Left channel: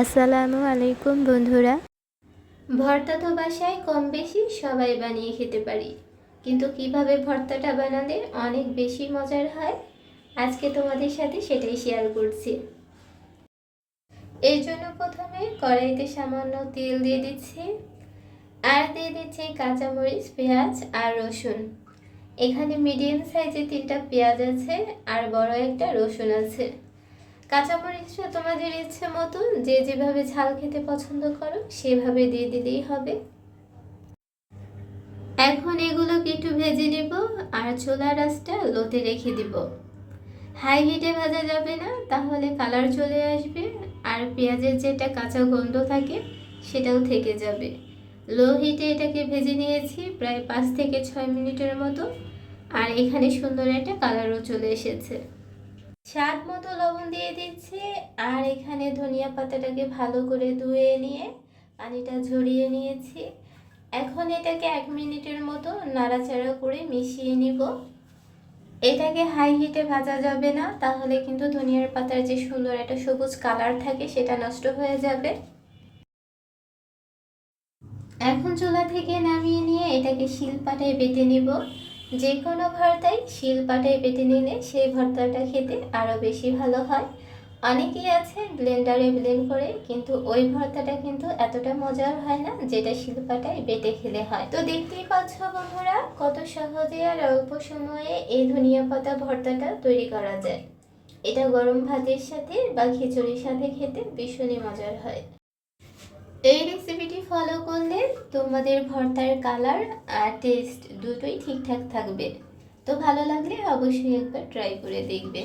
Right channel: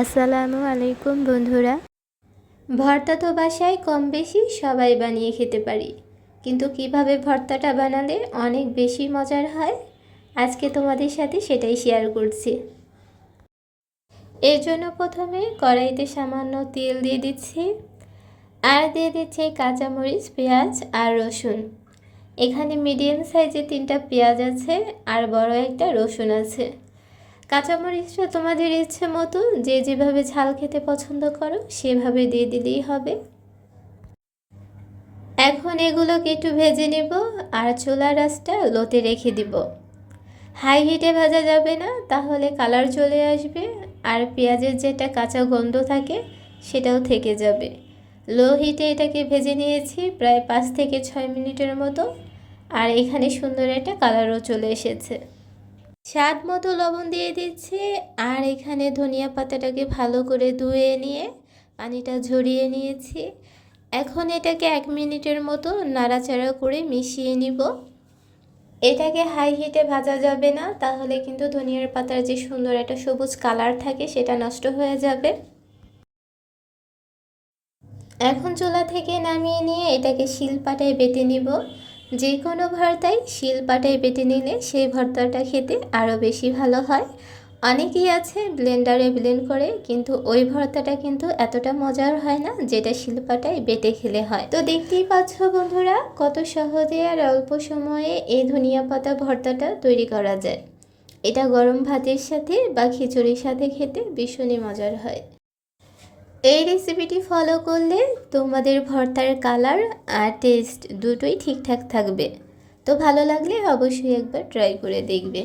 আসসালামু আলাইকুম বন্ধুরা। ভর্তা তো বাসায় কম বেশি সবাই বানিয়ে খেতে পারি, কিন্তু কিভাবে ভর্তাটা বানালে অনেক বেশি মজার হয় আজকে তোমাদের সাথে সেটাই শেয়ার করছি। এর জন্য প্রথমে কড়াইতে সামান্য তেল দিয়ে দিচ্ছি, আর দিয়ে দিচ্ছি কাঁচামরিচ, পেঁয়াজ আর রসুন। এখানে মিডিয়াম সাইজে 3টা পেঁয়াজ আছে আর বড় একটা রসুন আছে। কাঁচামরিচটা তোমাদের ইচ্ছে মতো যে যেভাবে ঝাল খেতে পছন্দ করো সেভাবে দিয়ে দিলেই হবে। এখন এগুলোকে একটু ভেজে নেব আর চুলার আঁচটা লোতে রেখে দিব। হাই হিটে ভাজা যাবে না, তাহলে কালার চলে আসবে আর পেঁয়াজের যেটা কাঁচা গন্ধ থাকে সেটাও থেকে যাবে। লো হিটে এটাকে ভেজে নিয়েছি প্রায় 5 থেকে 6 মিনিটের মতো, আর এখানে সুন্দর একটা কালারও চলে এসেছে। স্বাদ মতো লবণ দিয়ে দিচ্ছি, আর এখানে ধনিয়া পাতাটাকে ভালো করে ধুয়ে নিয়ে পানিটা ঝরিয়ে নিয়েছি। এখন এটাকে 1 মিনিটের মতো নাড়াচাড়া করে মিশিয়ে নিব। এটাকে হাই হিটে ভাজা যাবে না, তাহলে কিন্তু ধনিয়ার পাতার যে সুন্দর একটা সবুজ কালার থাকে সেটা নষ্ট হয়ে যাবে। এখন চুলা থেকে নামিয়ে নিয়ে এটাকে শিলপাটায় বেটে নিব। যে কোনো ভর্তাই শিলপাটায় বেটে নিলে সেই ভর্তাটা খেতে আরও বেশি ভালো হয়। অনেকেই আছে ব্লেন্ডারে ব্লেন্ড করে, কিন্তু ওই ভর্তাটা কিন্তু এতটা মজার হয় না যেটা শিলপাটায় বেটে খেলে হয়। তো দেখতেই পাচ্ছ বন্ধুরা, কত সহজে আর অল্প সময়ে এই ধনিয়া পাতা ভর্তাটা তৈরি করা যায়। এটা গরম ভাতের সাথে বা খিচুড়ির সাথে খেতে ভীষণই মজার হয়। এই রেসিপিটি ফলো করলে তোমাদের ভর্তার কালার আর টেস্ট দুটোই ঠিকঠাক থাকবে। তো ভালো লাগলে অবশ্যই একবার ট্রাই করে দেখবে।